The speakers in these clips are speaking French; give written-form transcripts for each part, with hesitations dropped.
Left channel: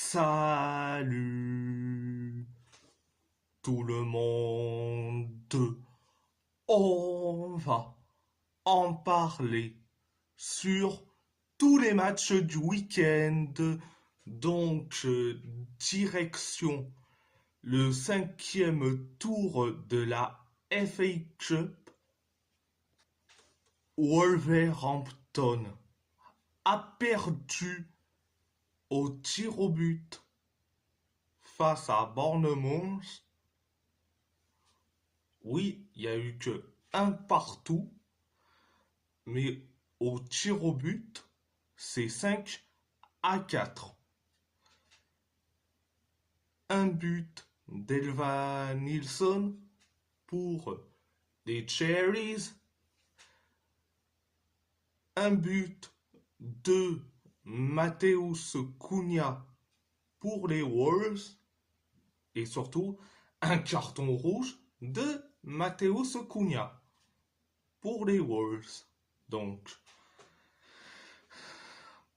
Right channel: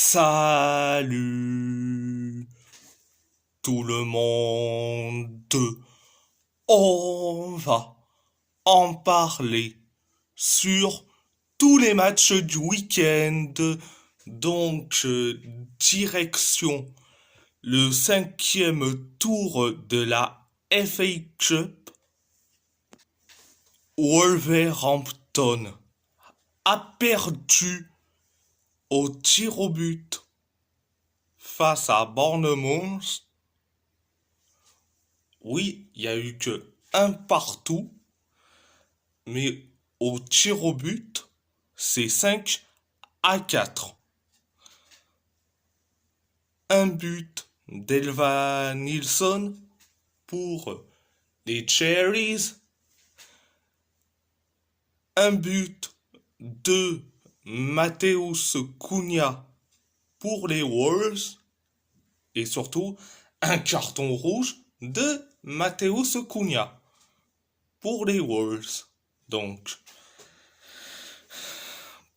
Salut tout le monde. On va en parler sur tous les matchs du week-end. Donc, direction le cinquième tour de la FA Cup. Wolverhampton a perdu au tir au but face à Bournemouth. Oui, il y a eu que un partout, mais au tir au but, c'est 5-4. Un but d'Elva Nilsson pour les Cherries. Un but de Mateus Cunha pour les Wolves. Et surtout, un carton rouge de Mateus Cunha pour les Wolves. Donc,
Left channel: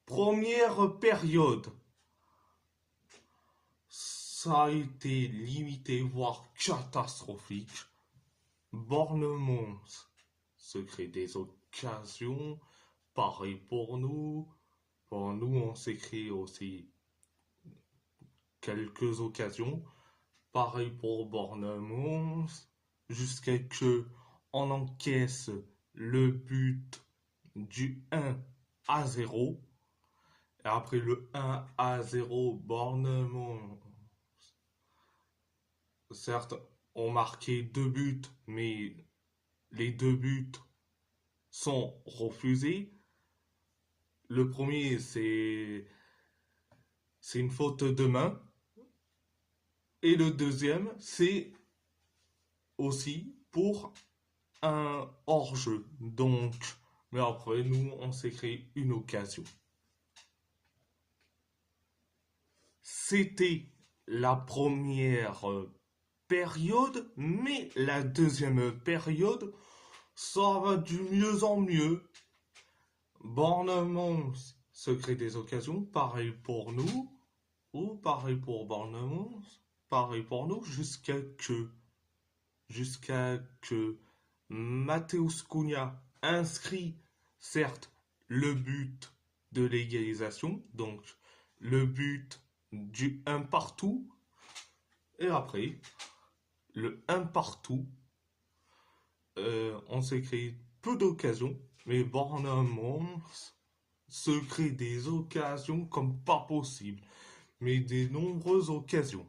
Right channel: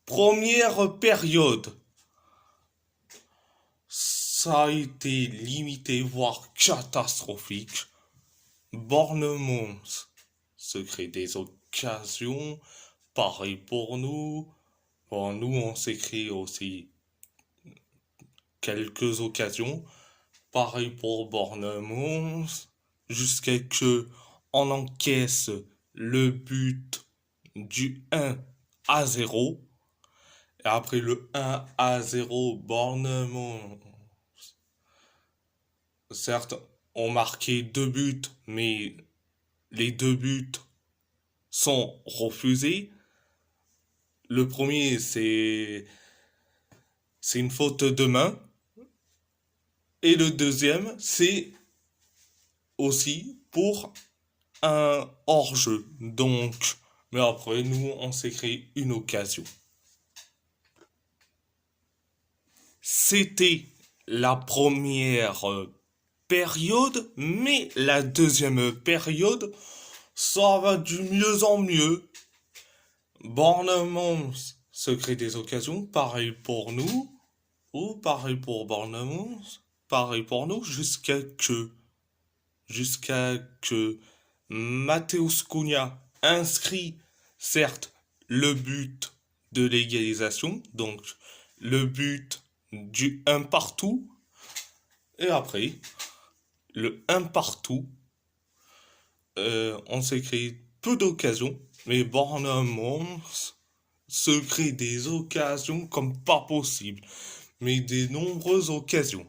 première période, ça a été limité, voire catastrophique. Bournemouth se crée des occasions. Pareil pour nous. Bon, nous, on s'est créé aussi quelques occasions. Pareil pour Bournemouth. Jusqu'à que on encaisse le but du 1-0. Et après le 1-0, Bournemouth, certes, ont marqué deux buts, mais les deux buts sont refusés. Le premier, c'est une faute de main. Et le deuxième, c'est aussi pour un hors-jeu. Donc, mais après, nous, on s'est créé une occasion. C'était la première période, mais la deuxième période, ça va du mieux en mieux. Bournemouth se crée des occasions, pareil pour nous, ou pareil pour Bournemouth, pareil pour nous, jusqu'à que Mateus Cunha inscrit, certes, le but de l'égalisation, donc le but du un partout, et après, le un partout, on s'est créé peu d'occasions, mais Bournemouth se crée des occasions comme pas possible, mais des nombreuses occasions.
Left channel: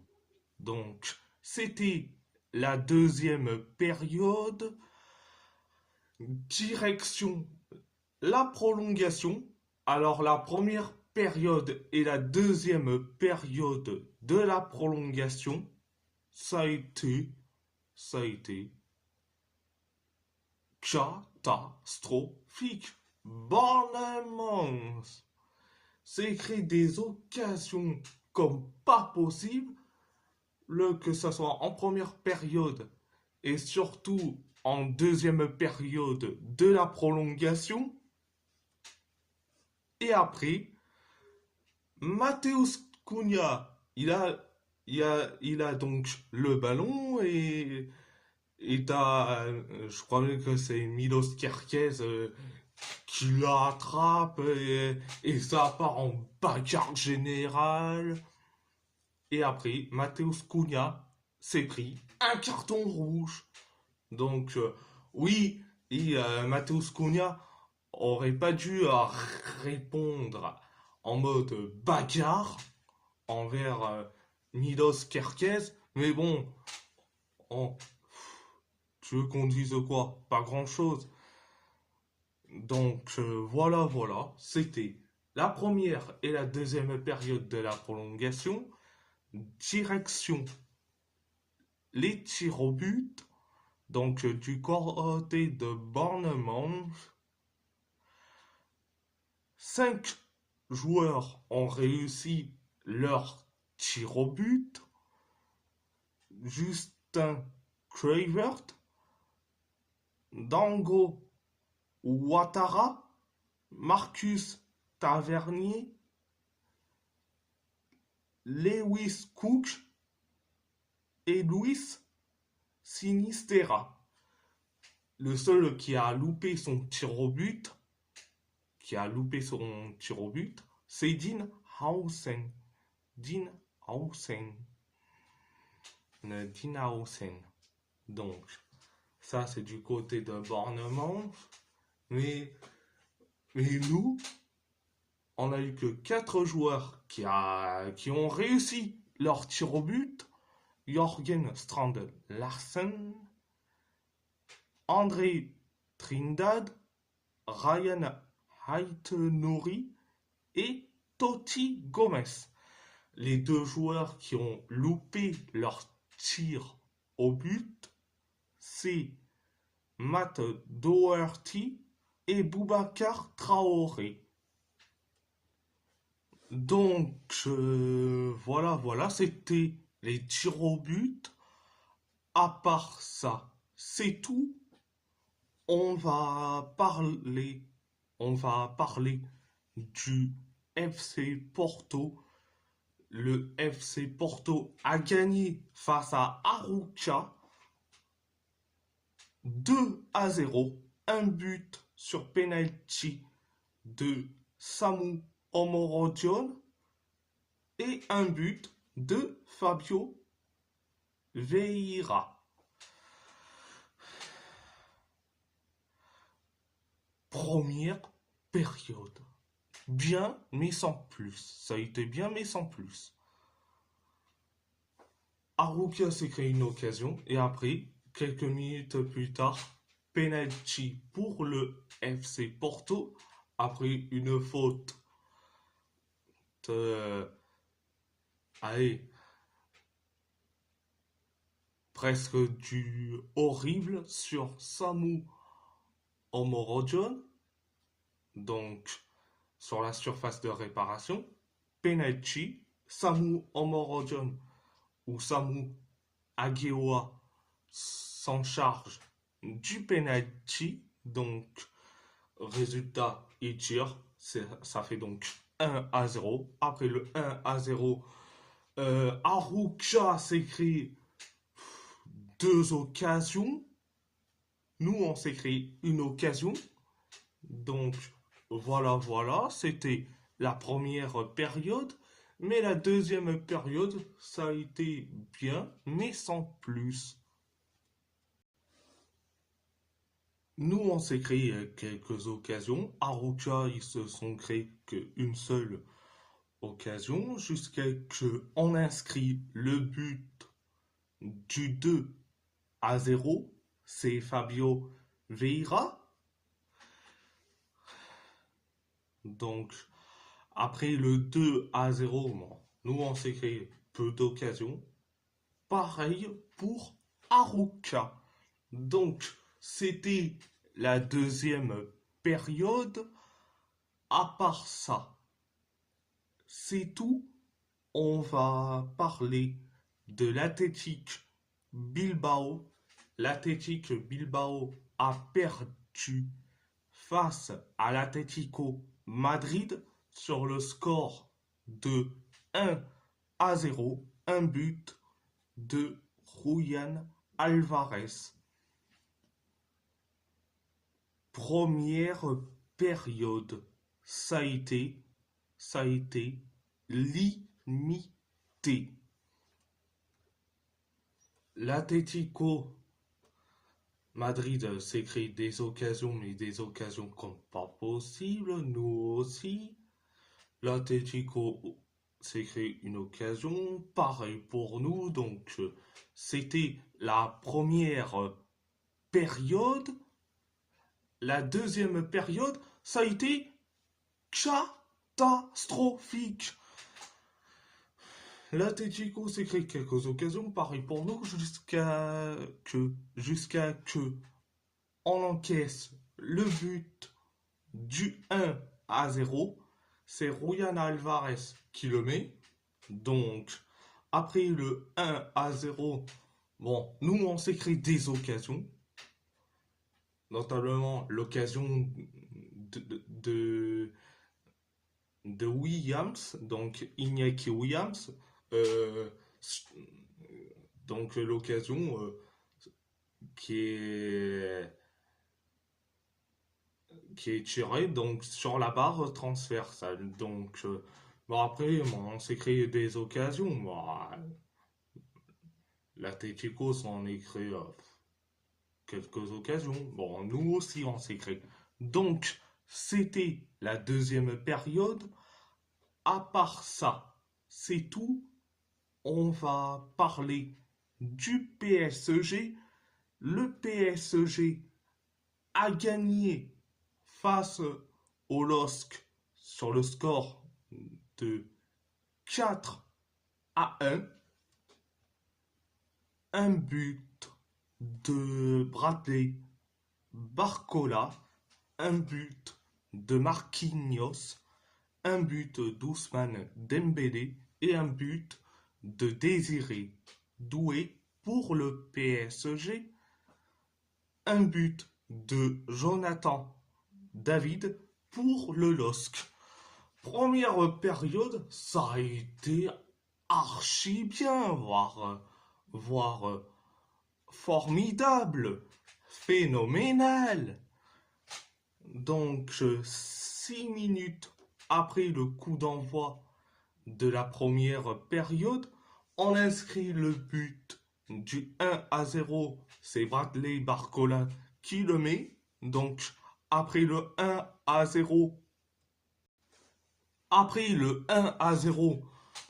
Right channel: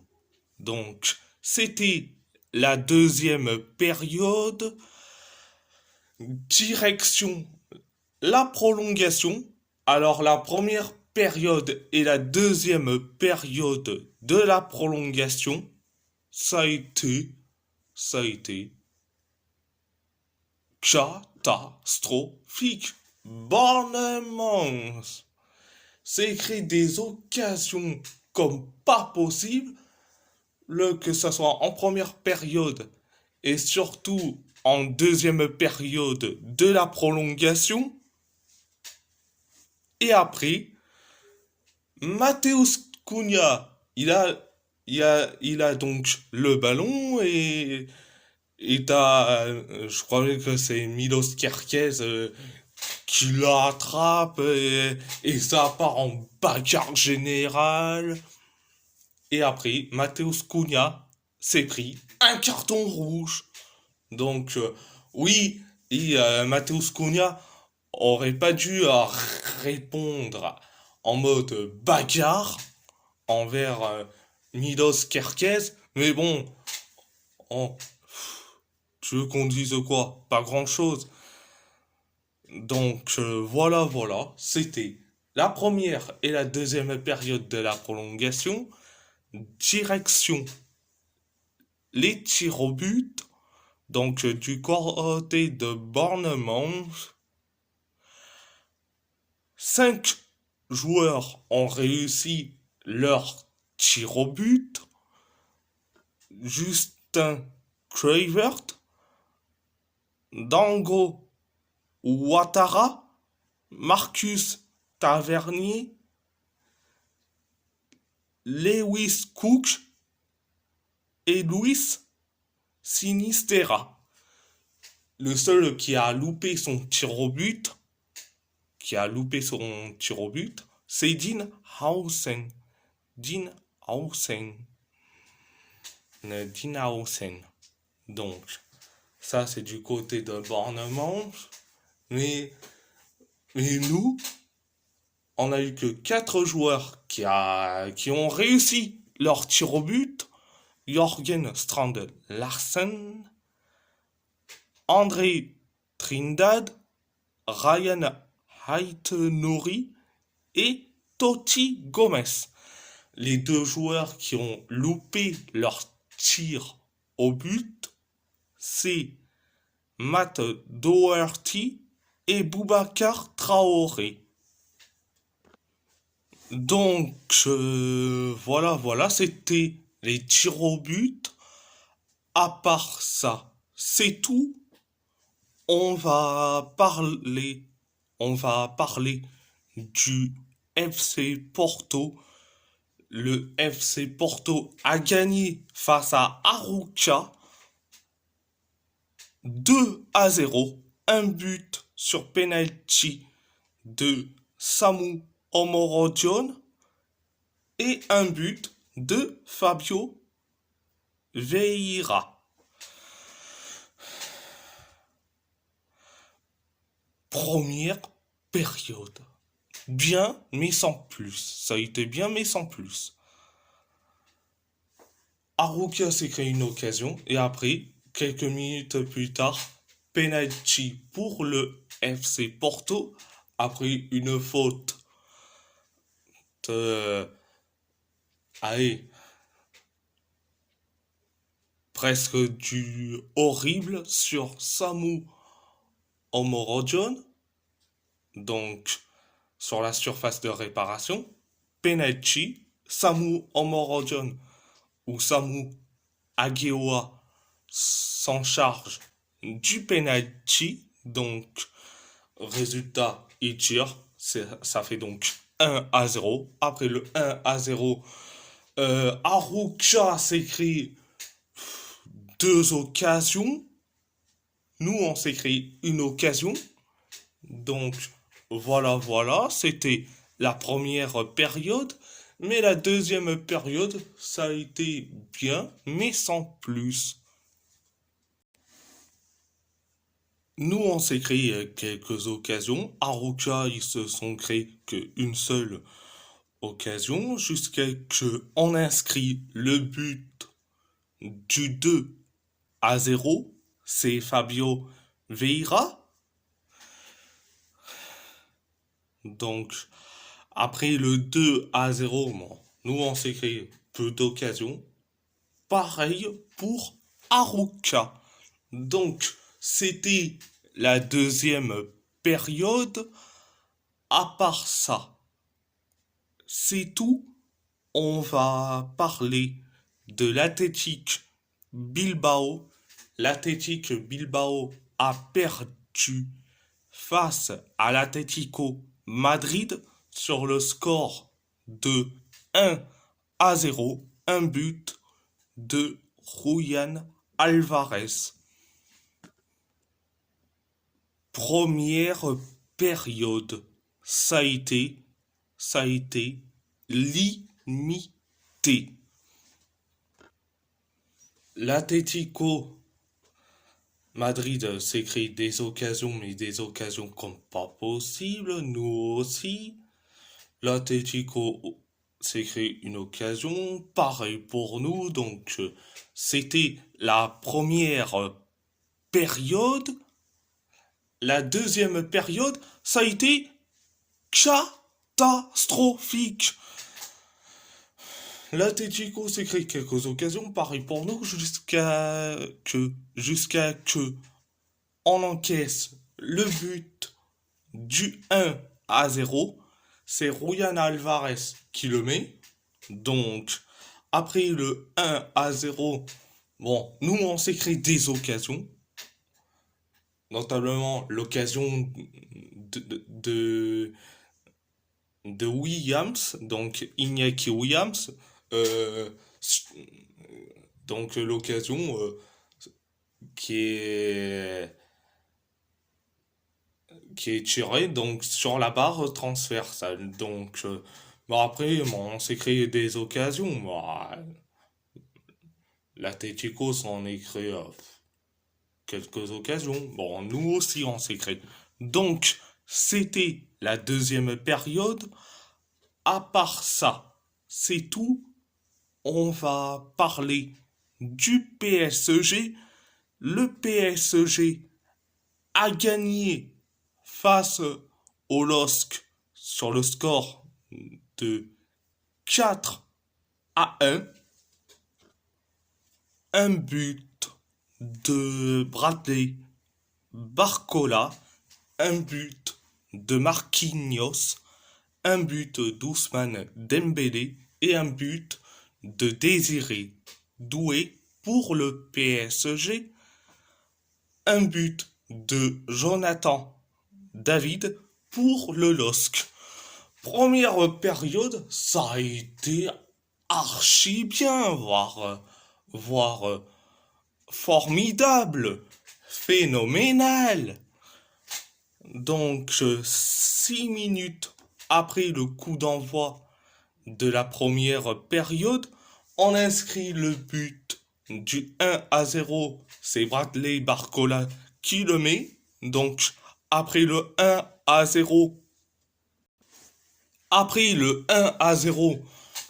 Donc, c'était la deuxième période. Direction la prolongation. Alors, la première période et la deuxième période de la prolongation, ça a été catastrophique. Bournemouth s'est créé des occasions comme pas possible, que ce soit en première période et surtout en deuxième période de la prolongation. Et après, Mateus Cunha, il a donc le ballon et je crois que c'est Milos Kerkez qui l'attrape et ça part en bagarre générale. Et après, Mateus Cunha s'est pris un carton rouge. Donc, oui, et Mateus Cunha aurait pas dû répondre en mode bagarre envers Milos Kerkez. Mais bon, oh, tu veux qu'on dise quoi? Pas grand-chose. Donc, voilà, c'était la première et la deuxième période de la prolongation. Direction les tirs au but. Donc, du côté de Bournemouth, 5 joueurs ont réussi leur tir au but. Justin Kluivert, Dango Ouattara, Marcus Tavernier, Lewis Cook et Luis Sinistera. Le seul qui a loupé son tir au but, c'est Dean Hausen. Dean Hausen. Dean Hausen. Donc, ça c'est du côté de Bournemouth. Mais nous, on a eu que 4 joueurs qui ont réussi leur tir au but. Jorgen Strand Larsen, André Trindade, Ryan Haït-Nouri et Totti Gomez. Les 2 joueurs qui ont loupé leur tir au but, c'est Matt Doherty et Boubacar Traoré. Donc voilà, c'était les tirs au but. À part ça, c'est tout. On va parler, on va parler du FC Porto. Le FC Porto a gagné face à Arouca 2-0. Un but sur penalty de Samu Omorodion et un but de Fabio Vieira. Première période. Bien, mais sans plus. Ça a été bien, mais sans plus. Arouca s'est créé une occasion et après, quelques minutes plus tard, penalty pour le FC Porto après une faute de... Allez, presque du horrible sur Samu Omorodion, donc sur la surface de réparation. Penalty, Samu Omorodion ou Samu Ageoa s'en charge du penalty, donc résultat il tire, ça fait donc 1-0. Après le 1-0, Arouca s'écrit 2 occasions. Nous, on s'est créé une occasion. Donc, voilà, c'était la première période. Mais la deuxième période, ça a été bien, mais sans plus. Nous, on s'est créé quelques occasions. Arouca, ils se sont créés qu'une seule occasion jusqu'à ce qu'on inscrit le but du 2-0. C'est Fabio Vieira. Donc, après le 2-0, bon, nous on s'est créé peu d'occasions. Pareil pour Arouca. Donc, c'était la deuxième période. À part ça, c'est tout. On va parler de l'Athletic Bilbao. L'Athletic Bilbao a perdu face à l'Atlético Madrid sur le score de 1-0, un but de Julián Alvarez. Première période, ça a été limité. L'Atlético Madrid s'est créé des occasions, mais des occasions comme pas possible. Nous aussi. L'Atlético s'est créé une occasion, pareil pour nous. Donc, c'était la première période. La deuxième période, ça a été catastrophique. L'Atlético s'est créé quelques occasions, pareil pour nous, jusqu'à que on encaisse le but du 1-0. C'est Julián Alvarez qui le met. Donc, après le 1-0, bon, nous on s'est créé des occasions. Notamment l'occasion de Williams, donc Iñaki Williams, euh, donc l'occasion qui est qui est tirée donc sur la barre transversale. Donc bon, après bon, on s'est créé des occasions. Bon, l'Atlético s'en est créé quelques occasions. Bon, nous aussi on s'est créé. Donc c'était la deuxième période. À part ça, c'est tout. On va parler du PSG. Le PSG a gagné face au LOSC sur le score de 4-1. Un but de Bradley Barcola, un but de Marquinhos, un but d'Ousmane Dembélé et un but de Désiré Doué pour le PSG, un but de Jonathan David pour le LOSC. Première période, ça a été archi bien, voire formidable, phénoménal. Donc, 6 minutes après le coup d'envoi de la première période, on inscrit le but du 1-0. C'est Bradley Barcola qui le met. Donc, après le 1-0,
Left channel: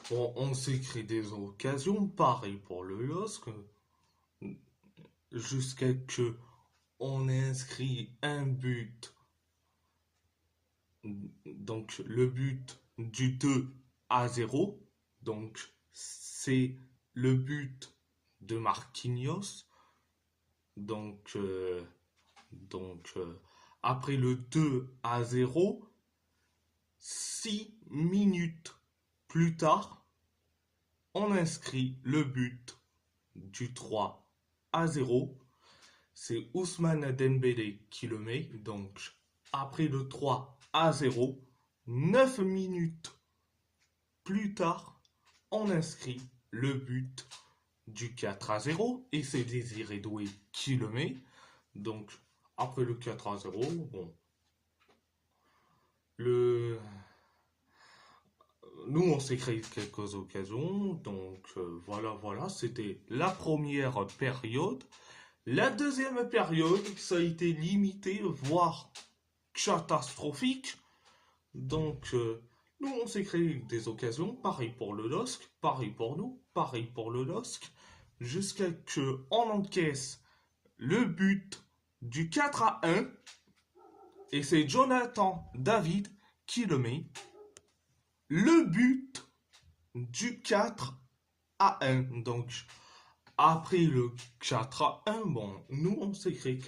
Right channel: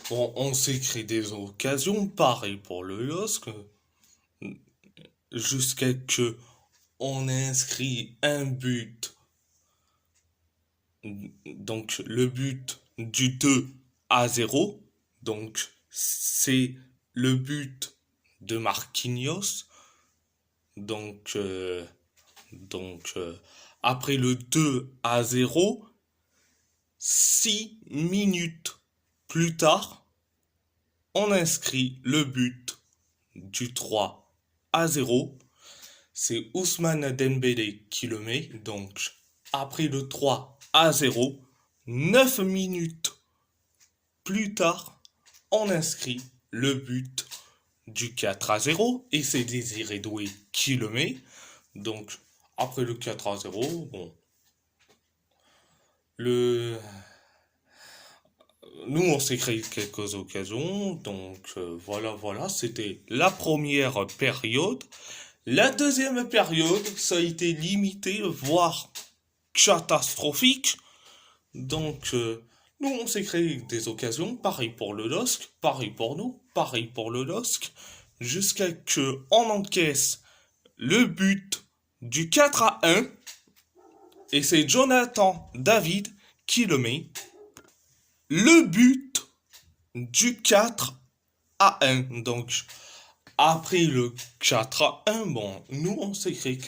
bon, on s'est créé des occasions, pareil pour le LOSC, jusqu'à ce qu'on ait inscrit un but. Donc, le but du 2-0. Donc, c'est le but de Marquinhos. Donc, après le 2-0, 6 minutes plus tard, on inscrit le but du 3-0. C'est Ousmane Dembélé qui le met. Donc, après le 3-0, 9 minutes plus tard, on inscrit le but du 4-0 et c'est Désiré Doué qui le met. Donc, après le 4-0, bon, nous on s'est créé quelques occasions. Donc, voilà, c'était la première période. La deuxième période, ça a été limité, voire catastrophique. Donc, nous, on s'est créé des occasions, pareil pour le LOSC, pareil pour nous, pareil pour le LOSC, jusqu'à ce qu'on encaisse le but du 4-1, et c'est Jonathan David qui le met. Le but du 4-1. Donc, après le 4-1, bon, nous, on s'est créé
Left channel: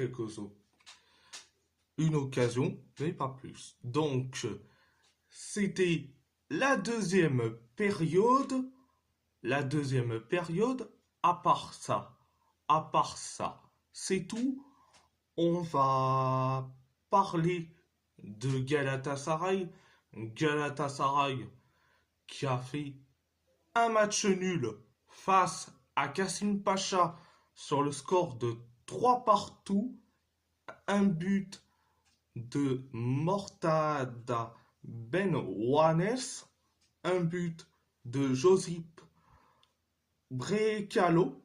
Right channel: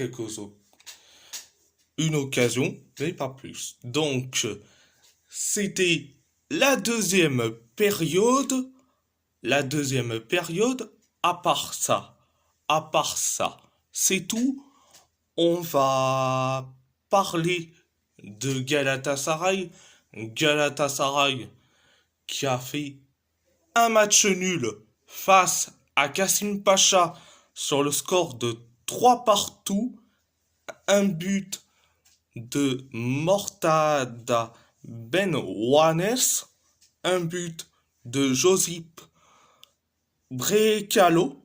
une occasion, mais pas plus. Donc, c'était la deuxième période. La deuxième période, à part ça, c'est tout. On va parler de Galatasaray. Galatasaray qui a fait un match nul face à Kassim Pacha sur le score de 3-2. Un but de Mortada Benouanes, un but de Josip Brekalo,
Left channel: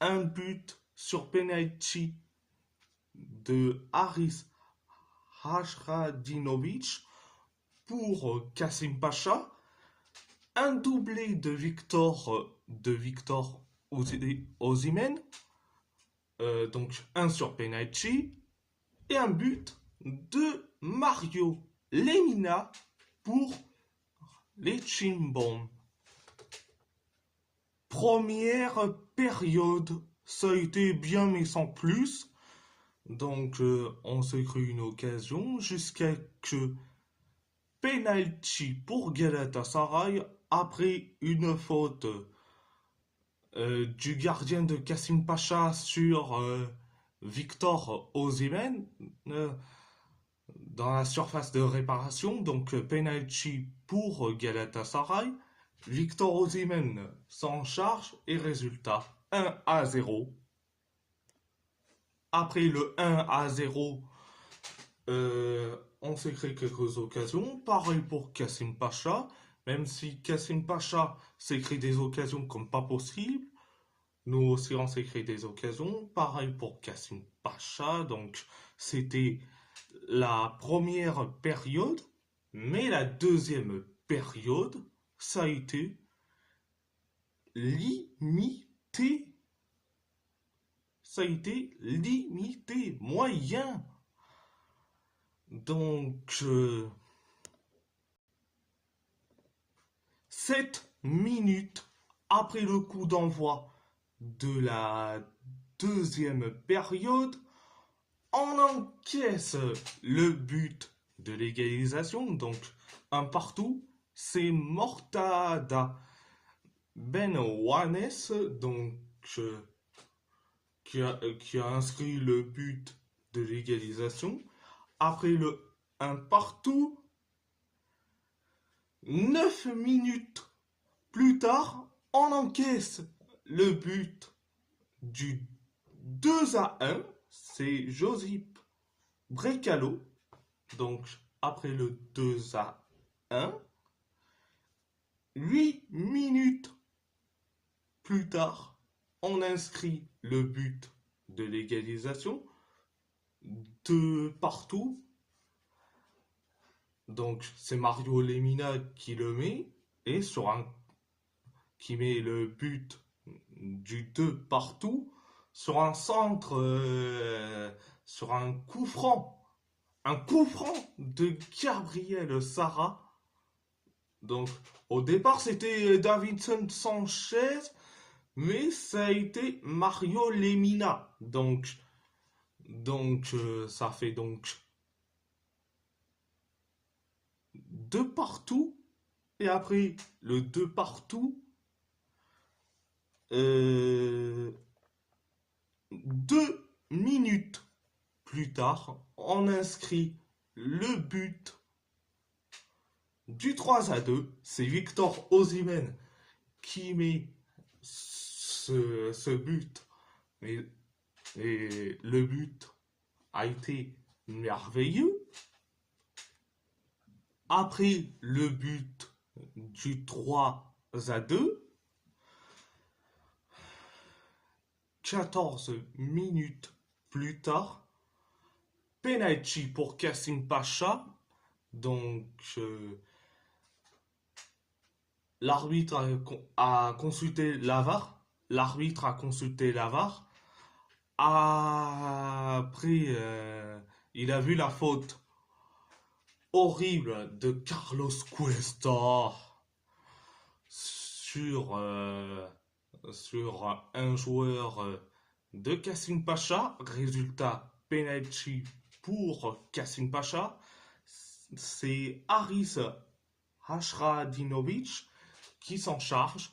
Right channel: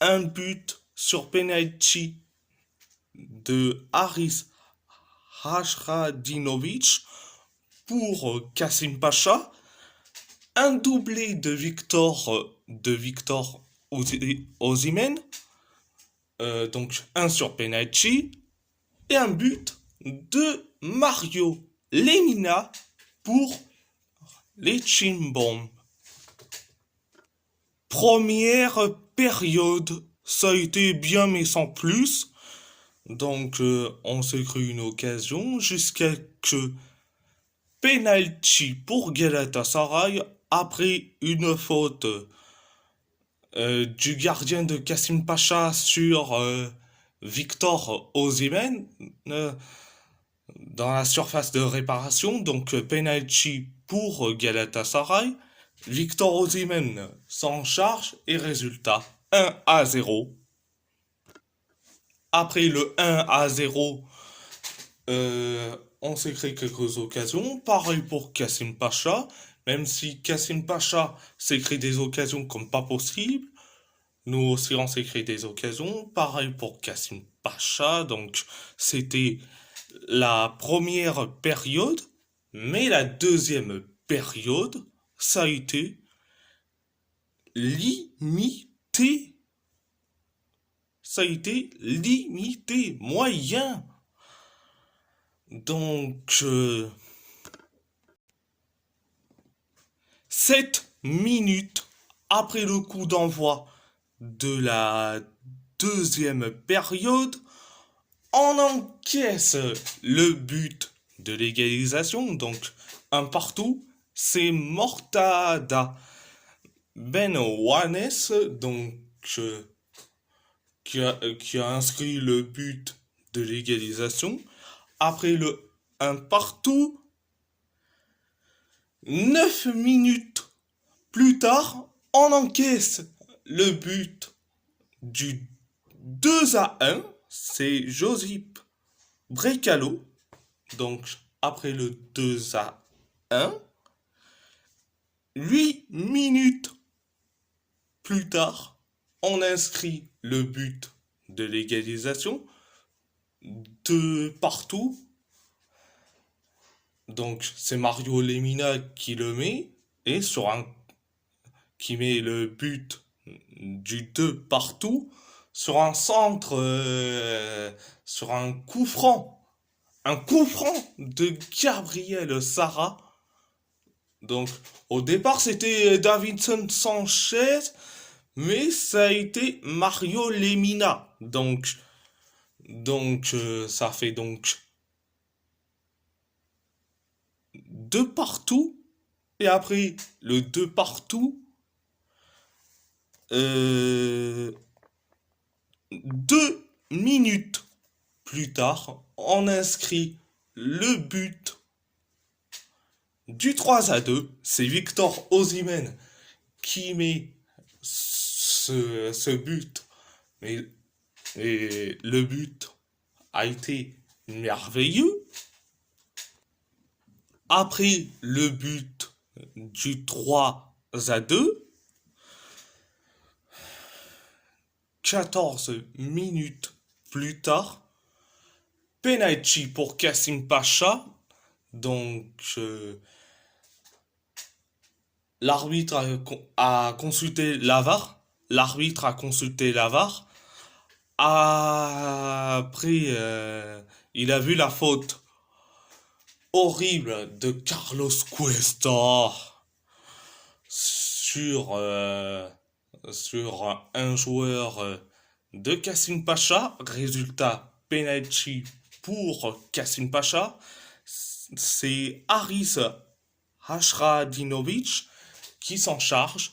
un but sur penalty de Haris Hajradinovic pour Kassim Pacha, un doublé de Victor Osimhen, donc un sur penalty, et un but de Mario Lemina pour les Chimbom. Première période, ça a été bien mais sans plus. Donc on s'est créé une occasion jusqu'à que penalty pour Galatasaray après une faute du gardien de Kassim Pacha sur Victor Osimhen dans la surface de réparation. Donc penalty pour Galatasaray. Victor Osimhen s'en charge et résultat 1-0. Après le 1-0, on s'est créé quelques occasions. Pareil pour Kassim Pacha, même si Kassim Pacha s'est créé des occasions comme pas possible. Nous aussi, on s'est créé des occasions. Pareil pour Kassim Pacha. Donc, c'était la première période. Mais la deuxième période, ça a été limité. Ça a été limité, moyen. Donc, 7 minutes après le coup d'envoi de la deuxième période, on encaisse le but de l'égalisation, donc un partout. C'est Mortada Ben Wanes, donc qui a inscrit le but de l'égalisation. Après le un partout, 9 minutes plus tard, on encaisse le but du 2-1. C'est Josip Brekalo. Donc, après le 2-1, 8 minutes plus tard, on inscrit le but de l'égalisation de partout. Donc, c'est Mario Lemina qui le met et qui met le but du 2 partout sur un centre, sur un coup franc. Un coup franc de Gabriel Sara. Donc, au départ, c'était Davinson Sanchez, mais ça a été Mario Lemina. Donc, ça fait donc deux partout. Et après le deux partout, euh, 2 minutes plus tard, on inscrit le but du 3-2. C'est Victor Osimhen qui met ce but. Mais, et le but a été merveilleux. Après le but du 3-2, 14 minutes plus tard, penalty pour Kassim Pacha. Donc, l'arbitre a consulté la VAR. L'arbitre a consulté la VAR. Après, il a vu la faute horrible de Carlos Cuesta sur, sur un joueur de Kassim Pacha. Résultat, penalty pour Kassim Pacha. C'est Haris Hashradinovic qui s'en charge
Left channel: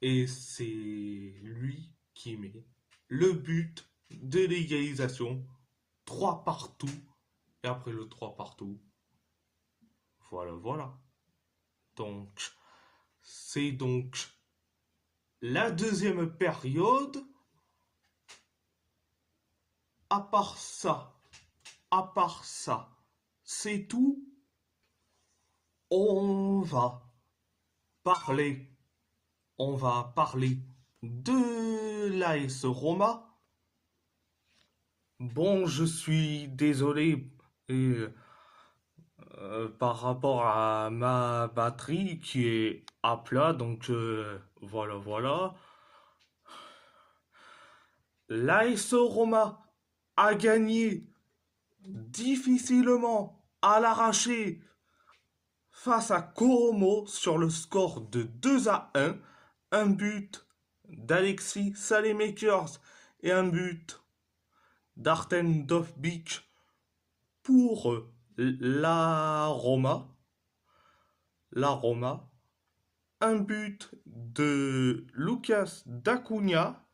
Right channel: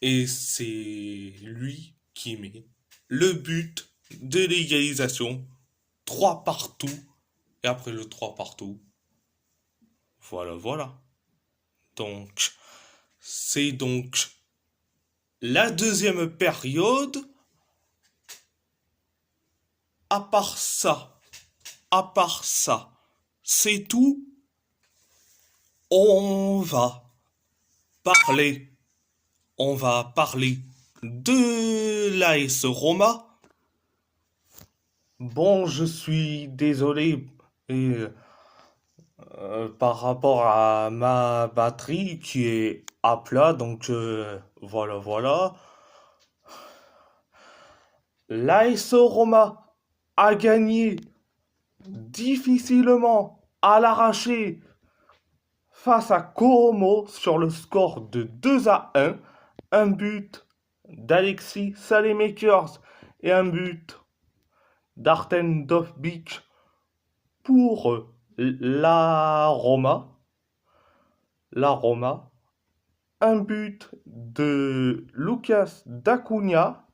et c'est lui qui met le but de l'égalisation. 3 partout. Et après le 3 partout, voilà. Donc, c'est donc la deuxième période. À part ça, c'est tout. On va parler, on va parler de l'AS Roma. Bon, je suis désolé et, par rapport à ma batterie qui est à plat, donc voilà. L'AS Roma a gagné difficilement à l'arraché face à Como sur le score de 2-1. Un but d'Alexis Salemakers et un but d'Arten Dovbik pour la Roma. Un but de Lucas Dacunia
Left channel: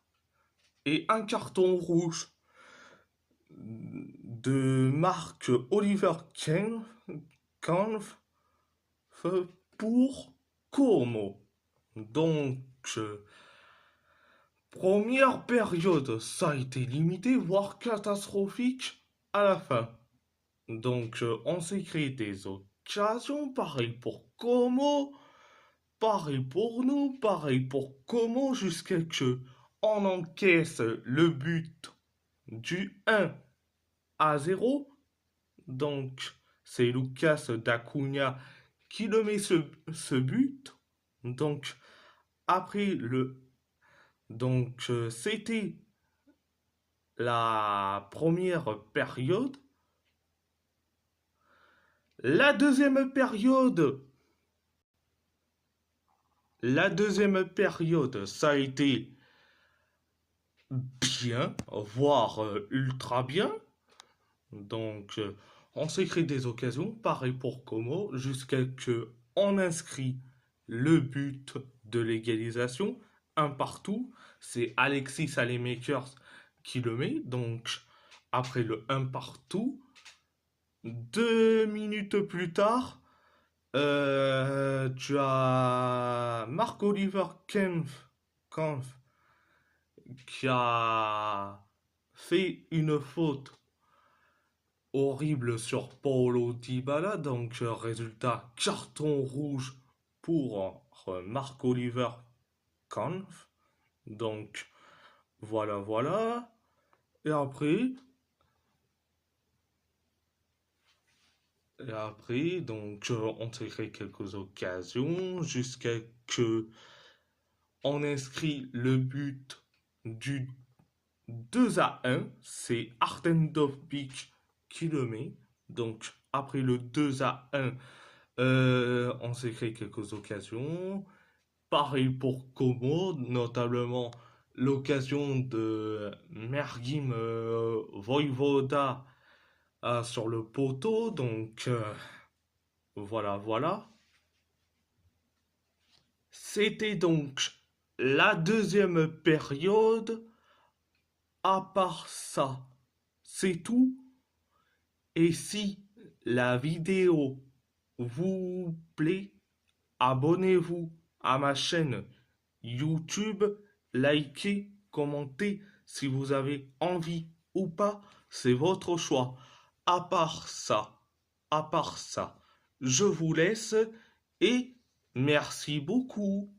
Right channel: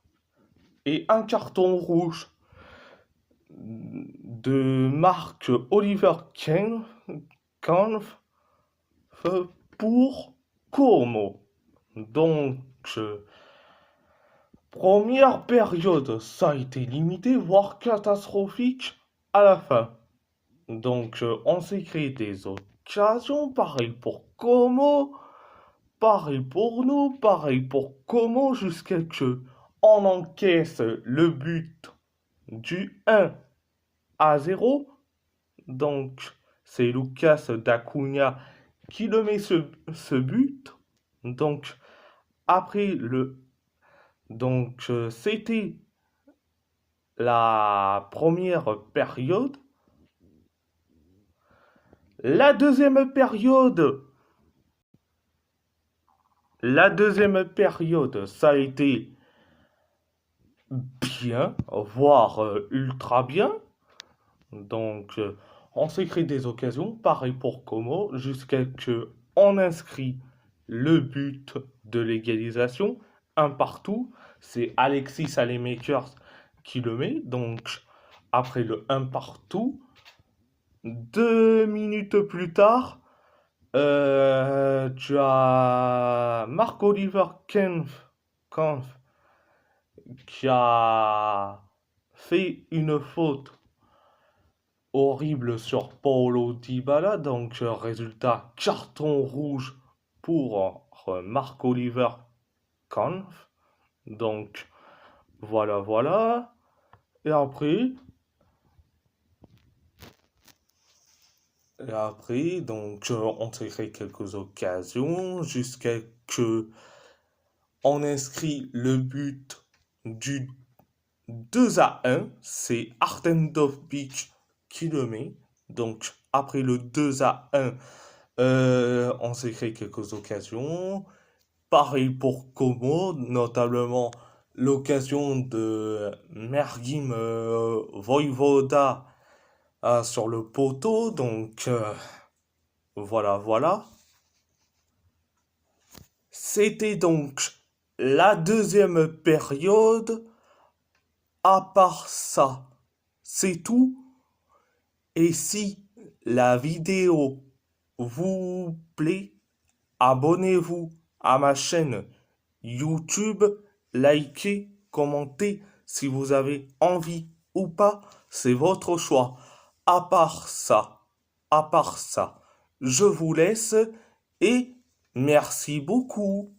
et un carton rouge de Marc Oliver Kampf pour Como. Donc, euh, première période, ça a été limité, voire catastrophique à la fin. Donc, on s'est créé des occasions, pareil pour Como, pareil pour nous, pareil pour Como, jusqu'à que on encaisse le but du 1-0. Donc, c'est Lucas D'Acunha qui le met ce but. Donc, après le. Donc, c'était la première période. La deuxième période. La deuxième période, ça a été bien, voire ultra bien. Donc, on s'est créé des occasions, pareil pour Como, jusqu'à que on inscrit le but de l'égalisation, un partout. C'est Alexis Salemakers qui le met. Donc, après le un partout, 2 minutes plus tard, tu as Marc-Oliver Kampf qui a fait une faute horrible sur Paulo Dybala. Donc, résultat, carton rouge pour Marc-Oliver Kampf. Donc, voilà, voilà. Et après, donc, on s'est créé quelques occasions jusqu'à que on inscrit le but du 2-1. C'est Artem Dovbyk qui le met. Donc, après le 2-1, on s'est créé quelques occasions. Pareil pour Como, notamment l'occasion de Mergim Voivoda sur le poteau. Donc, voilà, voilà. C'était donc la deuxième période. À part ça, c'est tout. Et si la vidéo vous plaît, abonnez-vous à ma chaîne YouTube, likez, commentez si vous avez envie ou pas, c'est votre choix. À part ça, à part ça, je vous laisse et merci beaucoup.